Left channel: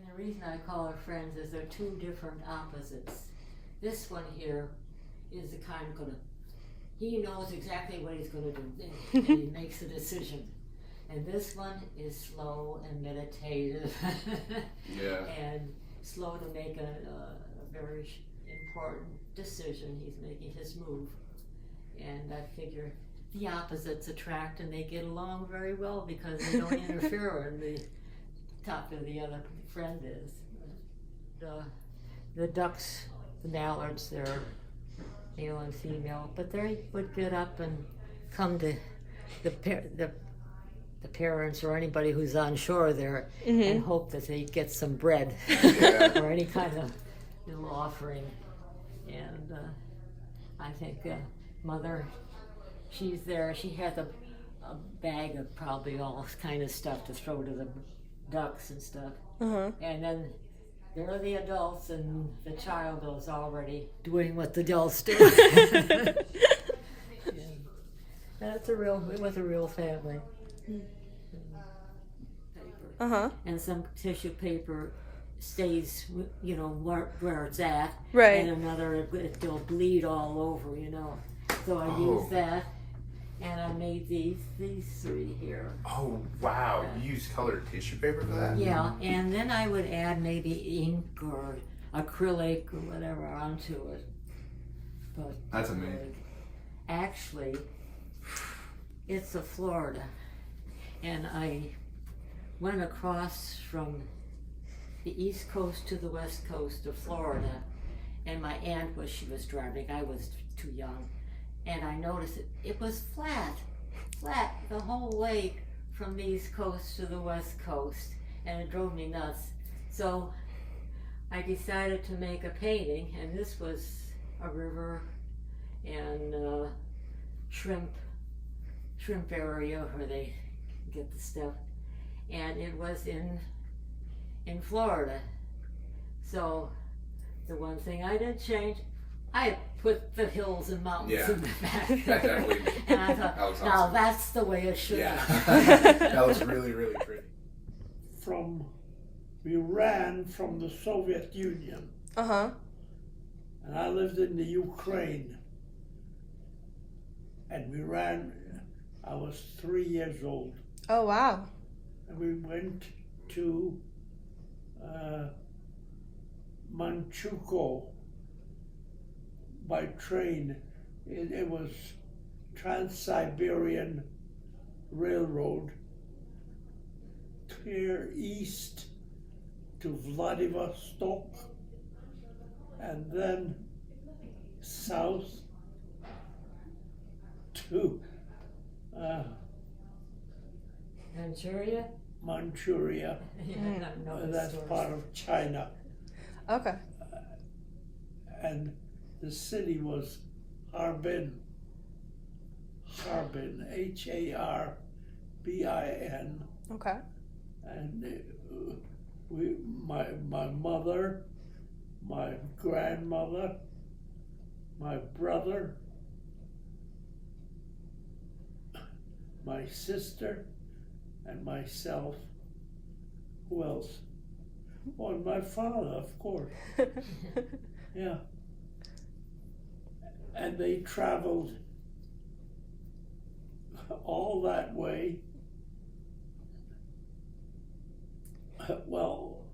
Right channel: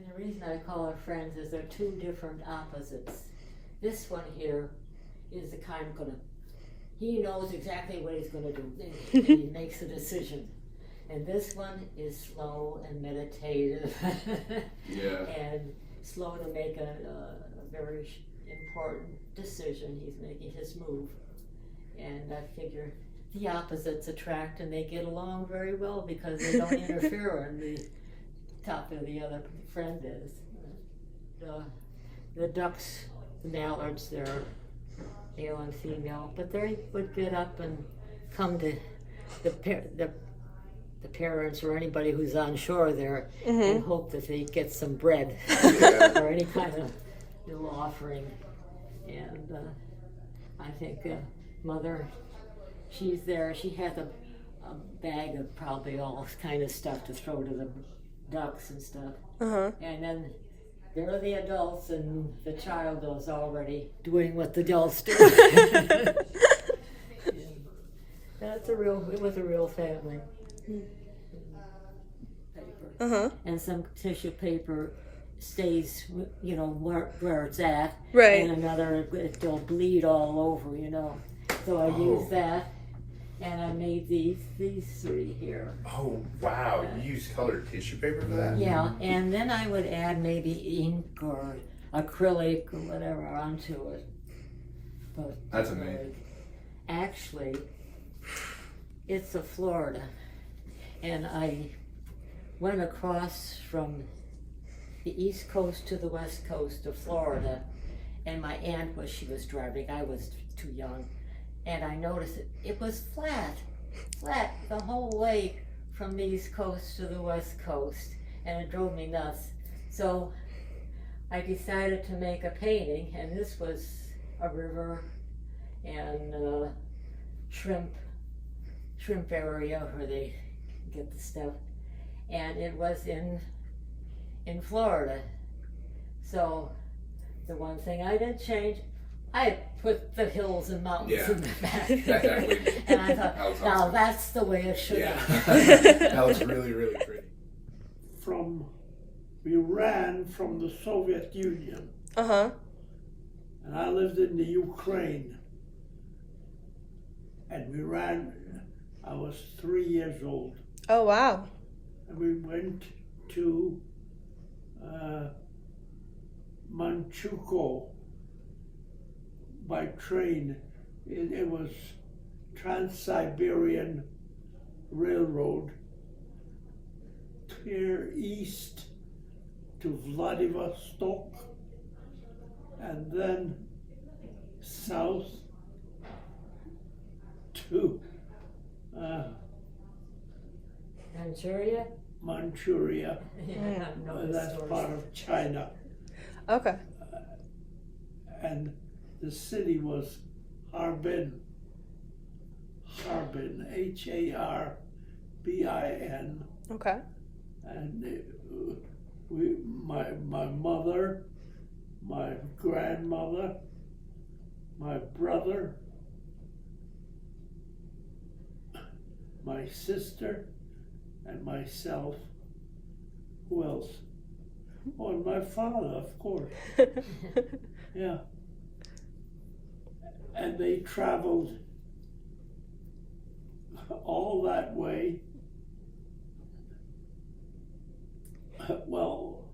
And the reason I call her friends is they're two different opposites. This one here is the kind he knows exactly what he's gonna do, and he makes a decision. And this one is slow and meditative, and slow to make a very important decision. He's making his move, and I figure the opposites attract, and they get along very well because they don't interfere when the top of the other friend is. The ducks, the mallards, they're male and female, but they would get up and come to the parents or anybody who's on shore there and hope that they get some bread or any kind of little offering. And I think Mother, she's there. She has a bag of probably all kind of stuff to throw to the ducks and stuff. And then there are the adults, and the child is already doing what the adults do. It was a real family. Paper. And some tissue paper stays, where it's at. Right. And another, it'll bleed all over, So I used that, and I made these three here. Oh, wow. You use colored tissue paper for that? Yeah, and then I would add maybe ink or acrylic or whatever onto it. But that's amazing. Actually, it's a Florida, and I went across from the East Coast to the West Coast of Florida, and my aunt she was driving. I was too young, and I noticed it was flat the whole way from the East Coast to the West Coast, and it drove me nuts. So I decided to make a painting, and this was a river and shrimp area where they get the stuff, and it was in Florida. So the one thing I didn't change, I put the hills and mountains in the back. And I thought, now that's the way it should be. That was really, really pretty. We ran from the Soviet Union. And I lived in the Ukraine. And we ran, I was 3 years old. Oh, wow. And we went to Manchukuo by train. It was Trans-Siberian Railroad, clear east to Vladivostok, and then south to Manchuria. That's part of China. Okay. And the city was Harbin, Harbin. Okay. And my mother, my grandmother, my brother, my sister, and myself. Who else? Oh, and my father, of course. Yeah. And they traveled all that way. Well,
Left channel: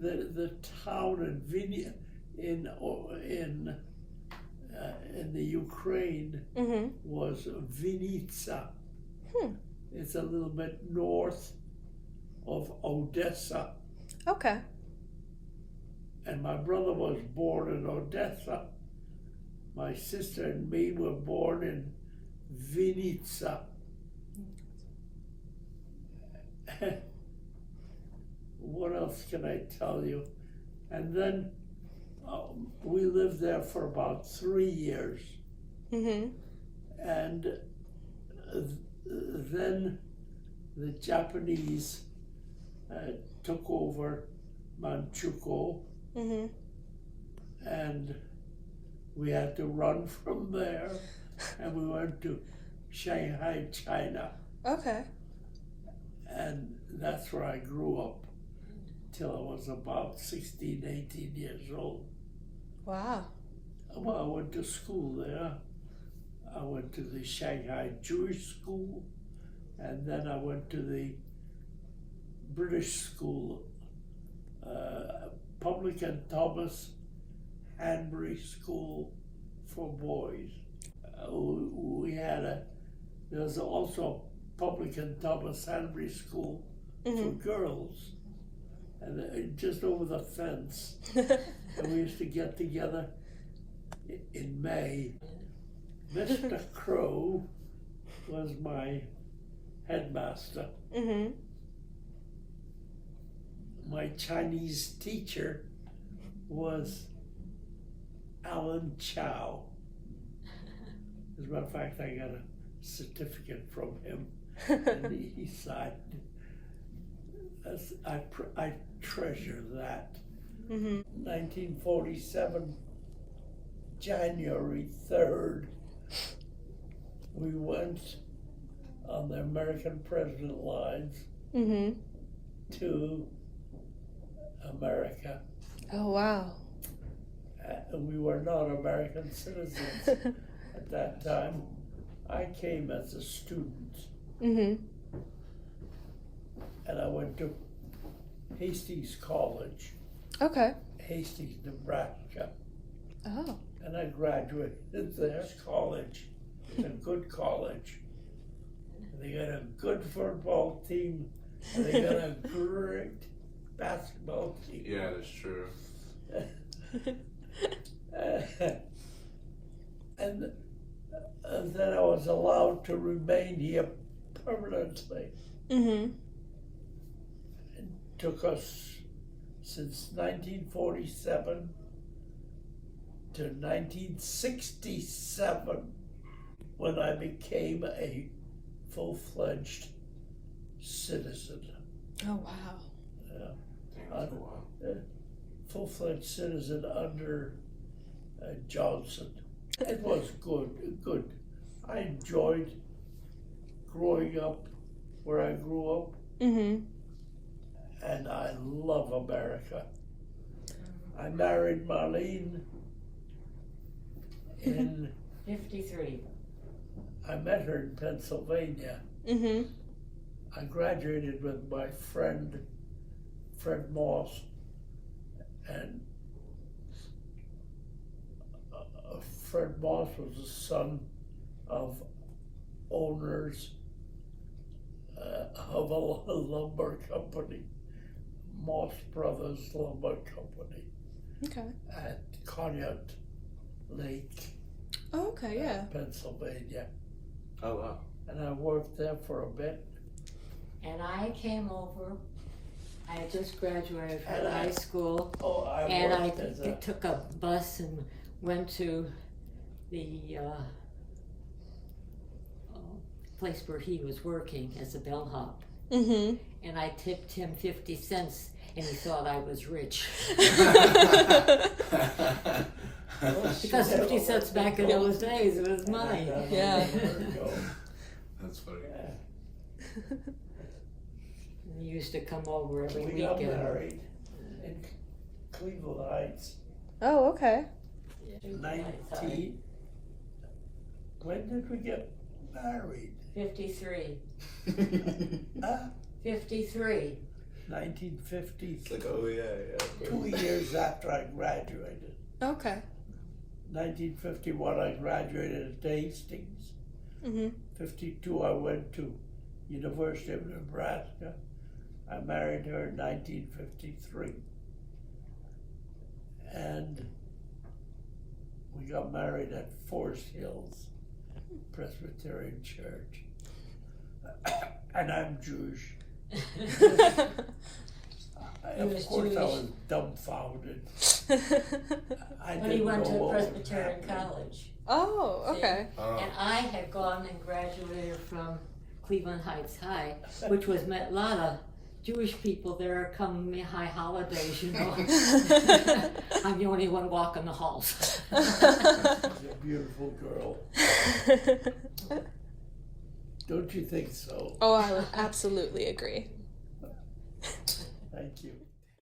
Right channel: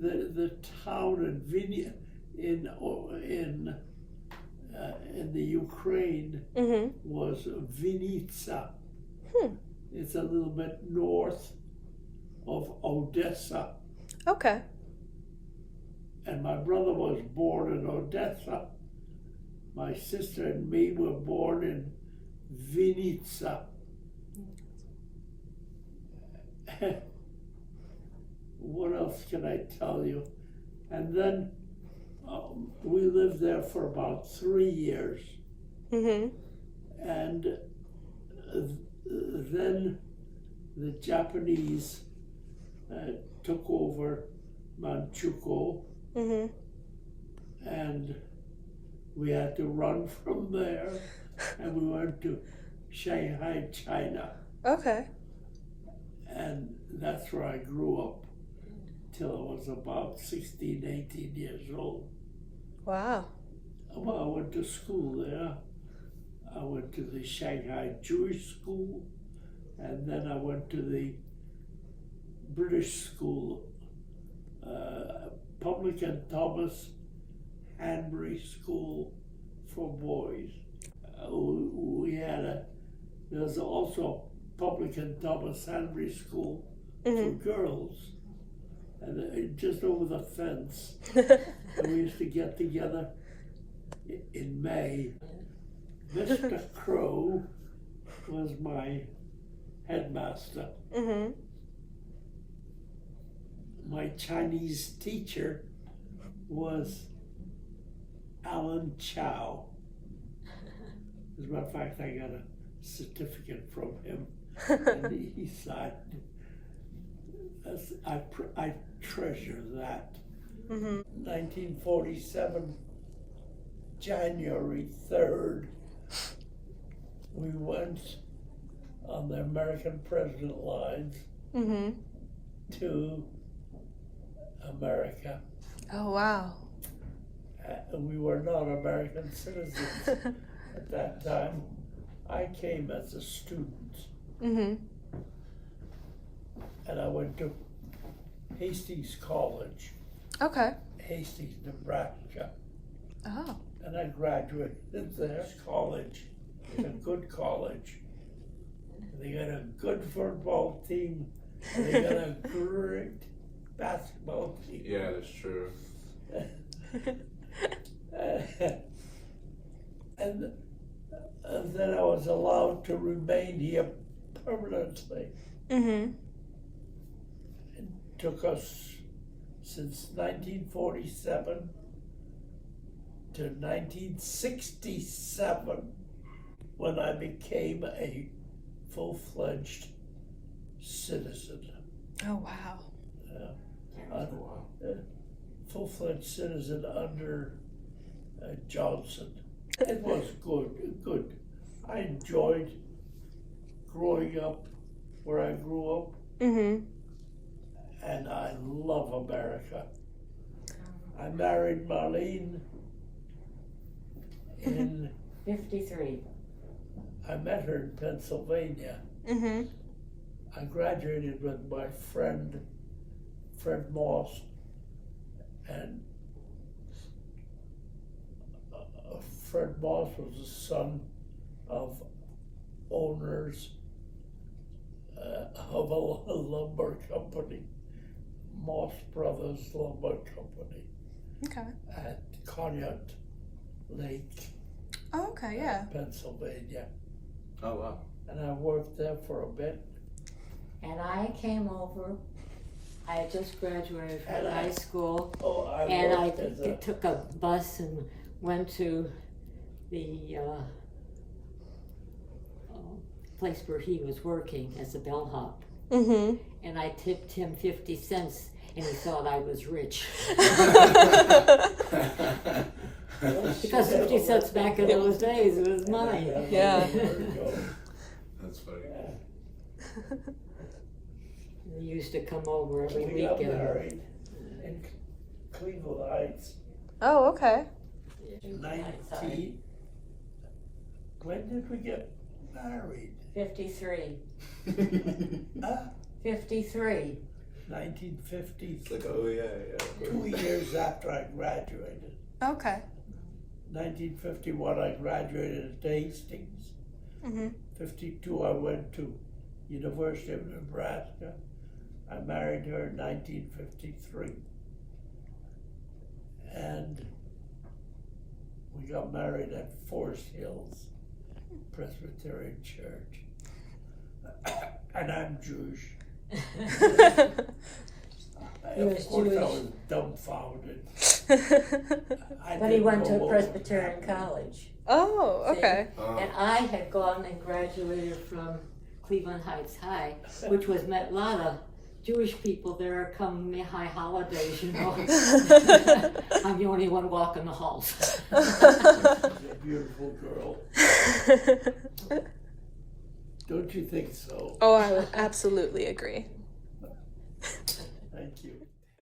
the town in the Ukraine was Vinnytsia. It's a little bit north of Odessa. Okay. And my brother was born in Odessa. My sister and me were born in Vinnytsia. What else can I tell you? And then we lived there for about 3 years. And then the Japanese took over Manchukuo, and we had to run from there, and we went to Shanghai, China. Okay. And that's where I grew up till I was about 16, 18 years old. Wow. Well, I went to school there. I went to the Shanghai Jewish School, and then I went to the British School, Public and Thomas Hanbury School for boys. There was also Public and Thomas Hanbury School for girls, and just over the fence. And we used to get together in May. Mr. Crow was my headmaster. Mm-hmm. My Chinese teacher was Alan Chow. As a matter of fact, I got a certificate from him, and he signed. I treasure that. Mm-hmm. 1947, January 3rd, we went on the American President lines Mm-hmm. to America. Oh, wow. And we were not American citizens at that time. I came as a student, Mm-hmm. and I went to Hastings College, Okay. Hastings, Nebraska, Oh. and I graduated there. College, it's a good college. They got a good football team, and they got a great basketball team. Yeah, that's true. And then I was allowed to remain here permanently. Mm-hmm. It took us since 1947 to 1967 when I became a full-fledged citizen. Oh, wow. That's cool. Full-fledged citizen under Johnson. It was good. I enjoyed growing up where I grew up, Mm-hmm. and I love America. I married Marlene in, 53. I met her in Pennsylvania. Mm-hmm. I graduated with my friend, Fred Moss, and Fred Moss was the son of owners of a lumber company, Moss Brothers Lumber Company Okay. at Conneaut Lake, Oh, okay, yeah. Pennsylvania. Oh, wow. And I worked there for a bit. And I came over. I had just graduated from And I- high school, Oh, I and I worked as a, took a bus and went to the place where he was working as a bellhop. Mm-hmm. And I tipped him 50 cents, and he thought I was rich. Because 50 cents back in those days was money. Yeah. That's funny. He used to come over every We got weekend. married in Cleveland Heights, Oh, okay. 19. When did we get married? 53. Huh? 53. 1950. It's like, oh, yeah. 2 years after I graduated. Okay. 1951, I graduated at Hastings. Mm-hmm. 52, I went to University of Nebraska. I married her in 1953. And we got married at Forest Hills Presbyterian Church. And I'm Jewish. He was Of course, I Jewish. was dumbfounded. I But he didn't went know to what was Presbyterian happening. College. Oh, okay. And I had gone and graduated from Cleveland Heights High, which was met a lot of Jewish people there come high holidays, you know. I'm the only one walking the halls. She's a beautiful girl. Don't you think so? Oh, I would absolutely agree.